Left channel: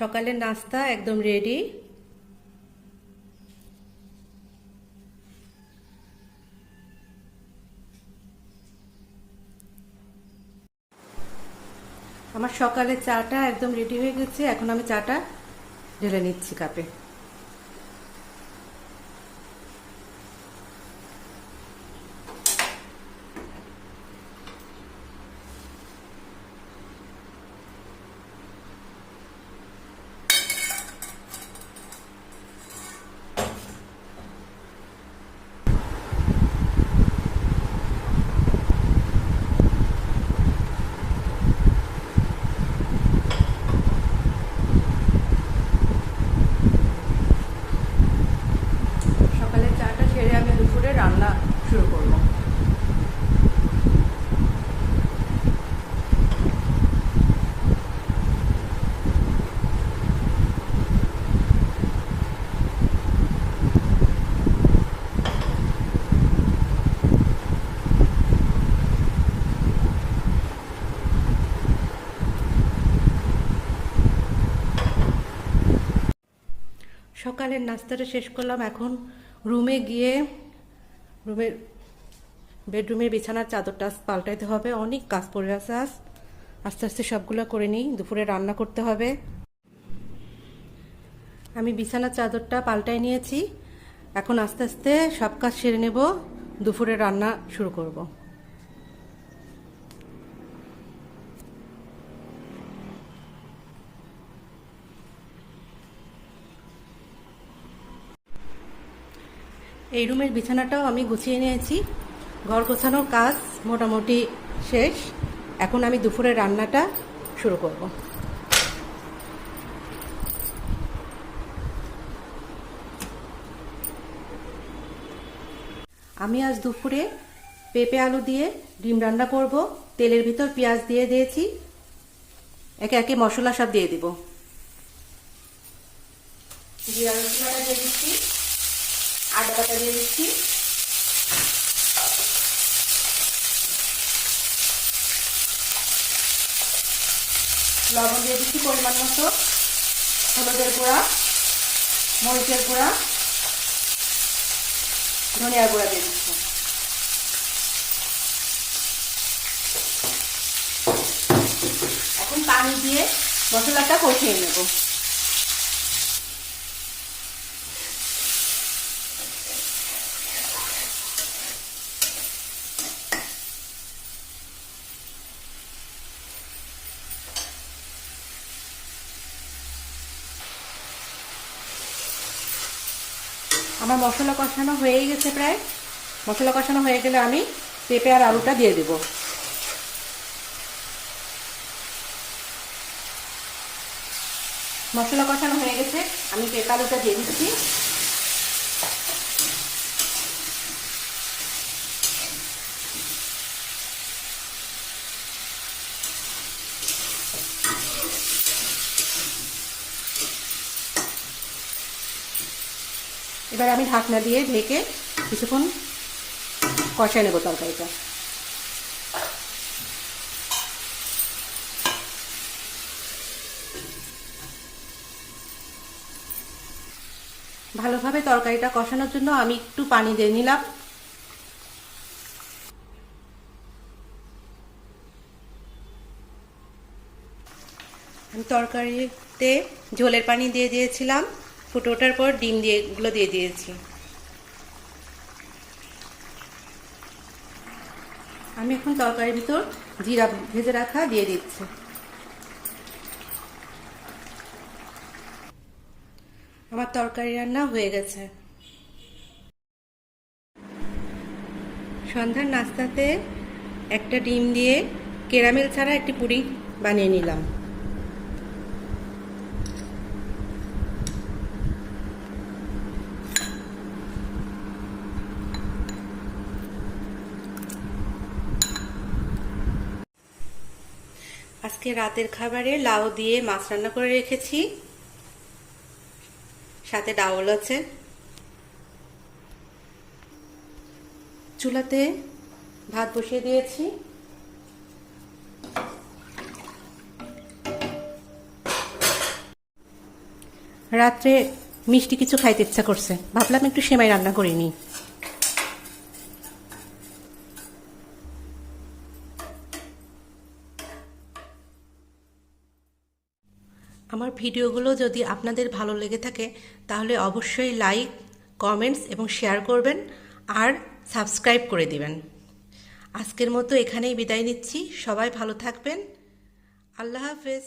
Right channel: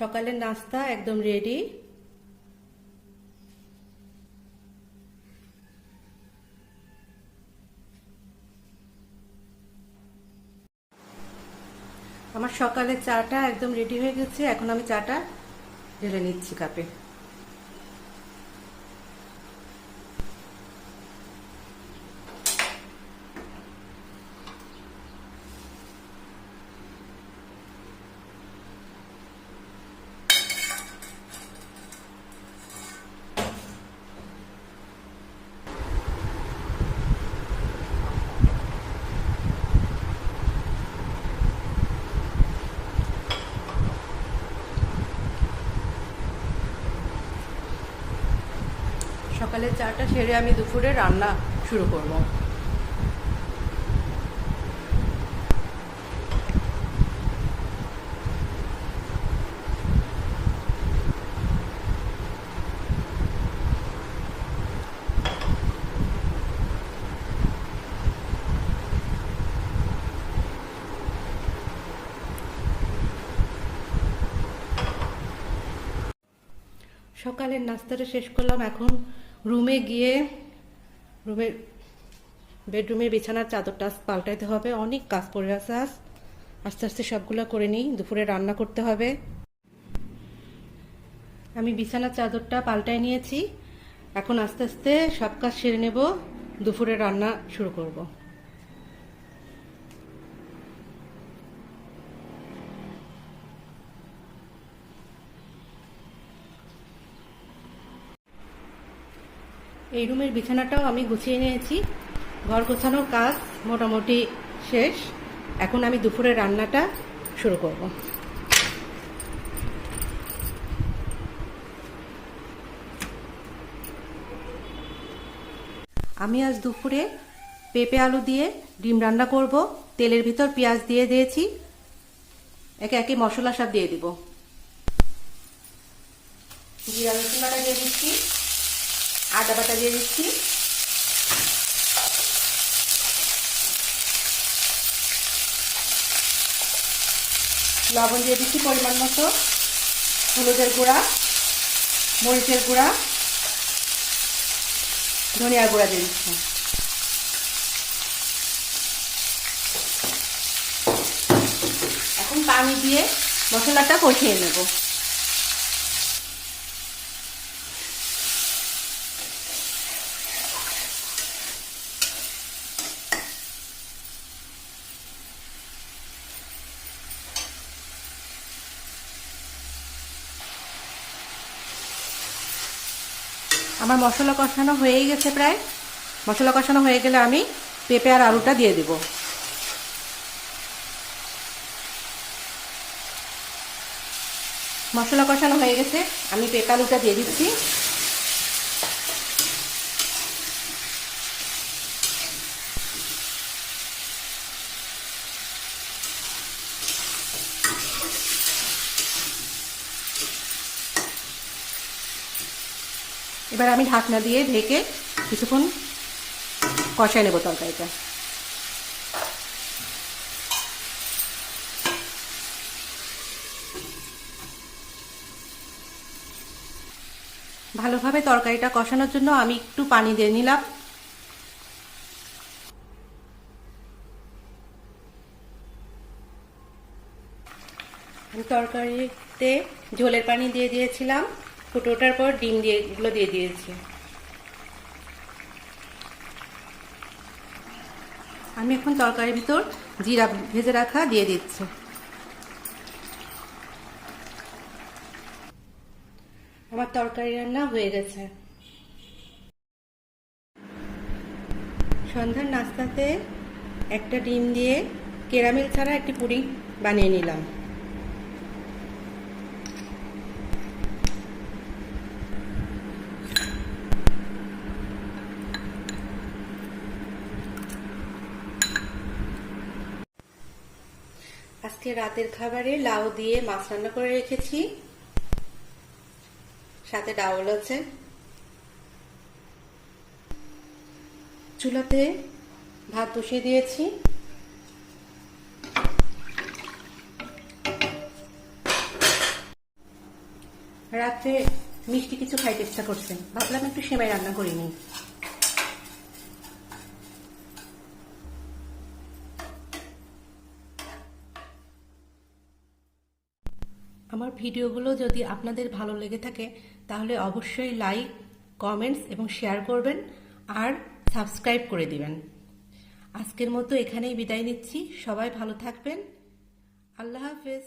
সকালের নাস্তা একদম রেডি। আমার সকালের চাটা একদম রেডি হয়ে গেছে। এখন আমি চাটা ঢেলে নিচ্ছি কাপে। সকালের চাটা সেরে আমি দুপুরে রান্না শুরু করব। সকালের নাস্তাটা শেষ করলাম। এখন রুমে গিয়ে বেডরুমের বিছানার চাদরটা পাল্টাইতে হবে। অনেক কাজ পড়ে আছে, আস্তে আস্তে সবগুলো করে নিই। দুপুরে রান্না করতে হবে। আমি বিছানার চাদরটা পাল্টাই নিয়েছি। এখন আস্তে আস্তে সব কাজ সেরে নেব, দুপুরে রান্না শুরু করব। এই রুমের বিছানাটাও আমি গুছিয়ে নিয়েছি। ঘর গোছানোর কাজ মোটামুটি শেষ। এখন আমি দুপুরে রান্নাটা শুরু করব। আমি আজ দুপুরে পেঁপে আলু দিয়ে ডিম রান্না করব। তেলের ভিতর পেঁয়াজ দিয়ে দিয়েছি। একে একে মশলা সব দিয়ে দিব। জিরা রসুন বাটা দিয়ে দিচ্ছি, আদা বাটা দিয়ে দিচ্ছি, লবণ দিয়ে দিচ্ছি পরিমাণ মতো, হলুদের গুঁড়া, মরিচের গুঁড়া, ধনিয়া গুঁড়া দিয়ে দিচ্ছি। এখন পানি দিয়ে মশলাটা কষিয়ে নেব। আমার মশলা কষানো হয়েই গেছে প্রায়। মশলা কষানো হয়ে গেলে আমি পেঁপে আর আলুটা দিয়ে দিব। মশলা কষানো হয়ে গেছে, আমি পেঁপে আলুটা দিয়ে দিচ্ছি। এবার আমি ঢাকনা দিয়ে ঢেকে কিছুক্ষণ কষায় নেব তরকারিটা। ভালোভাবে তরকারিটা কষানোর জন্য আমি একটু পানি দিয়ে নিলাম। আমি তরকারিতে ঝোলের পানি দিয়ে দিয়েছিলাম। ফুটে ওঠার পর ডিম দিয়ে এগুলো দিয়ে দিয়েছি। আমি এখন তরকারির ভিতর জিরা ভেজে রাখা দিয়ে দিচ্ছি। আমার তরকারি রান্না হয়ে গেছে। সন্ধ্যার নাস্তাতে একটা ডিম দিয়ে ক্যারামেল ছাড়া একটি পুডিং বানিয়ে নিলাম। আজকে রাতের খাবারে লাউ দিয়ে মাছ রান্না করে রেখেছি, সাথে ডাউল আছে। চুলাতে ভাত বসিয়ে দিয়েছি। রাত্রে মিষ্টি কিছু খাইতে ইচ্ছা করছে, ভাবলাম একটু সেমাই রান্না করে নিই। আমার ভিডিওগুলো যদি আপনাদের ভালো লেগে থাকে তাহলে অবশ্যই লাইক, কমেন্টস এবং শেয়ার করবেন আর সাবস্ক্রাইব করে দিবেন। আজকের মতো এখানেই বিদায় নিচ্ছি। সবাই ভালো থাকবেন। আল্লাহ হাফেজ।